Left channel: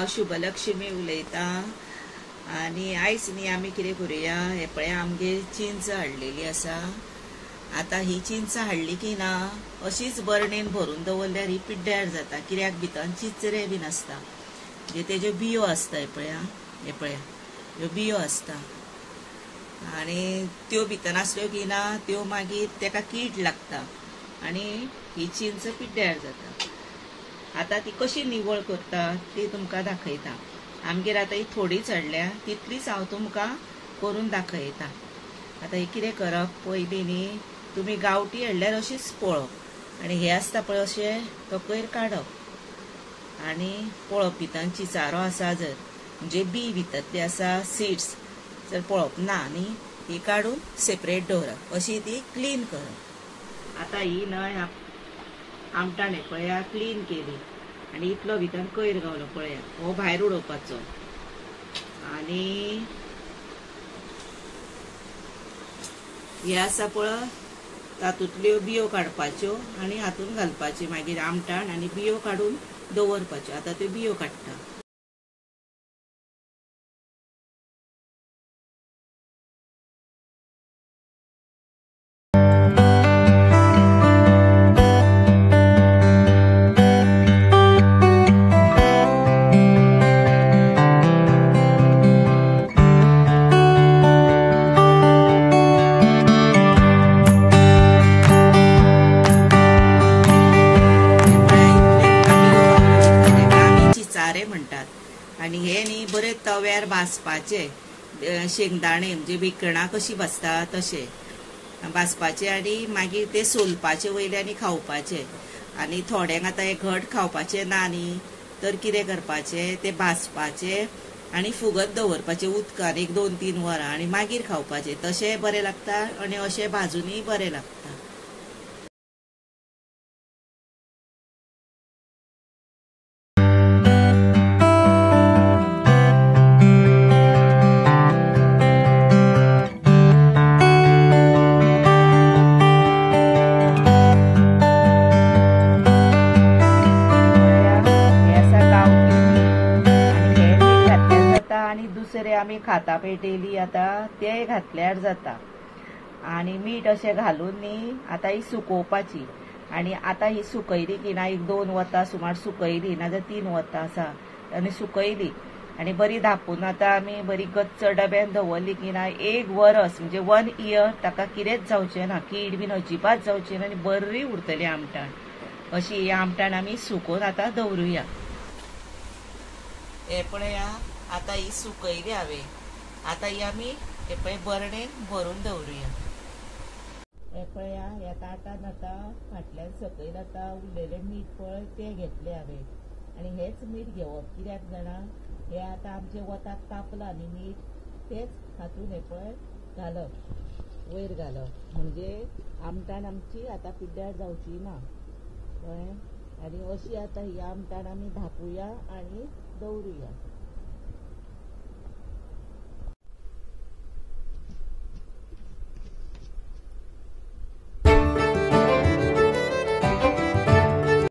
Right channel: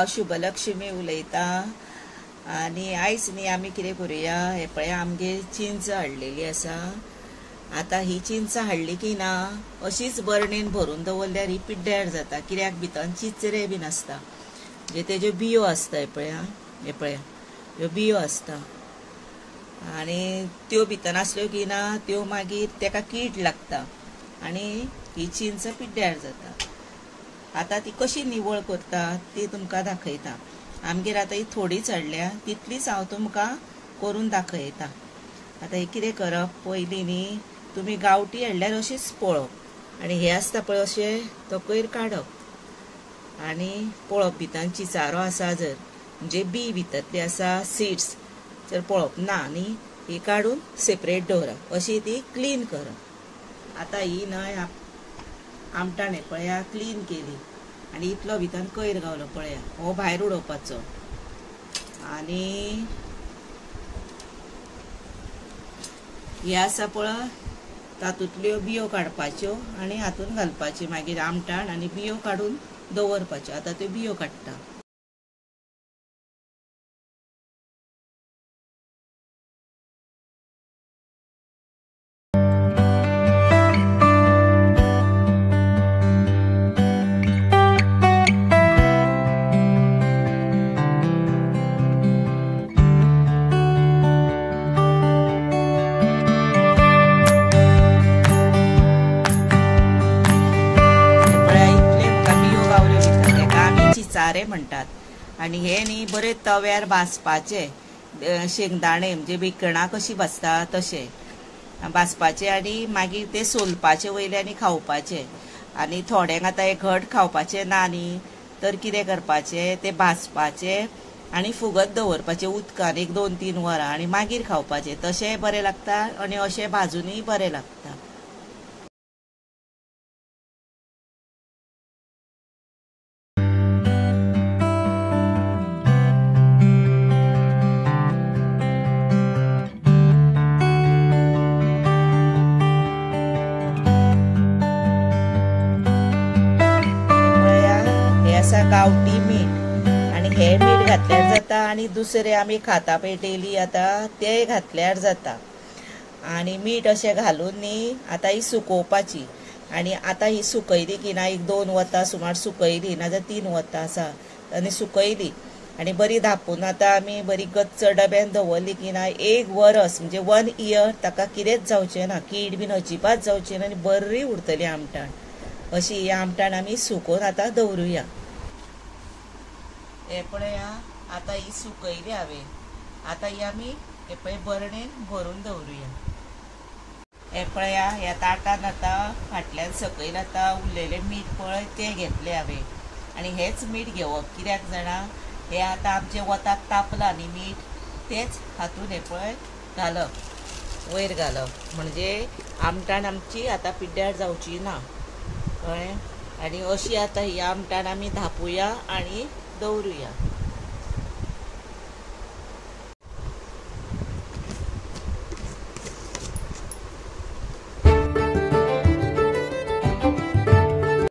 हांव शुभलक्ष्मी उलयतां आनी आयज न्ही आमी कितें करुया, हे पळय आमगे चिंच हाडलेली आसा। आतां ही चिंच हाडली की ना अशीच बरणेन भरून दवरल्यार ही पिड्ड्यार जाता, कित्याक भितर चिचरे बीन आसता, म्हणजे तेज्यो बियो आसता। हे पळय ह्यो बियो आसता आनी त्यो भितर आसल्यो की ना त्यो मागीर तेका कीड लागता आनी ही चिंच पिड्ड्यार जाता। आतां ती कशी निवळ करता ती तुमकां दाखयता। आमगेर आतां ही थोडीच हाडल्या, तितलीच हांव तुमकां करून दाखयता। आतां हे कितें करप, पयलीं न्ही तुमी गांवठी हाडल्यार अशीच पळोवप आनी हे आसता पळय अशें तो कोयर काडप आनी पळोवप भितर चिचारो आसा जर, म्हणजे बी भितरली आसा, सीड्स जर पळोवप ना न्ही, ही काडून सेपरेट दवरप, अशी ती क्लीन करप। आतां ही न्हय आमटाण हे पळया क्लीन केली आनी इतलो भितर कोयर गावलो पळया, हो भायर उडोवपाचो आनी हे आसा पळय तातूंतल्यो बियो काडपाच्यो आनी हातून घालपाच्यो, मागीर आमटाण आनी बियो काडून दवरपाच्यो। आतां त्यो बियो काडटा। म्हणटात आनी हे न्ही बरे तव्यार भाजपाचे, शेंगदाणे म्हणजे भिकणां कशी भाजता तशे भाजपाचे आनी मागीर ते सोलपाचे वयल्यानी खावपाचे। आनी थोड्यांक आतां हे घट खावपाचे ना न्ही, तर कितें करपाचे, ते भाजपाचे आनी फुगत दवरपाचे उदकान 1-2-3 वरां आनी मागीर खावपाचे, तशें बरें लागता आनी अशें भाजूनय बरें लागता। दुसरे आमी खाता पेटयली आतां ते घातल्यार जाता आनी मीठ अशें घालून न्ही आतां ही सुकोवपाची आनी आतां ही सुकयली की ना 1-2 वतां सुमार सुकयली, नाजाल्यार 3 वतां आसा आनी सुकयली आनी बरी धापून आतां आमी बरी गच्च डब्यान दवरली की ना 1 वर्स म्हणजे 1 इयर ताका कितेंच जावचें ना, कीड बीन अजिबात जावची ना आनी बरी उरतली आमटाण। अशी ही आमटाण आमी सुकोवन आतां दवरुया। हे पळया आतां ही सुकयली हांवें, आतां ही आमी हे पळय बरणेन भरून दवरुया। हे पळया ह्या ताटान आतां फाटल्यान सकयल आतां उरलेलें मीठ पळय तें घेतलें हांवें आनी हेच मीठ घेवप, कित्याक जाणा हे आतां आमचे वताक तापलां न्ही मीठ, तेच हातून हे पळय घालप, वयर घालप, म्हणजे आमटाण आमची आतां पिड्ड्यार जावची ना कळ्ळें। आनी अशी आतां ही आमटाण आमी धापुया आनी दवरुया।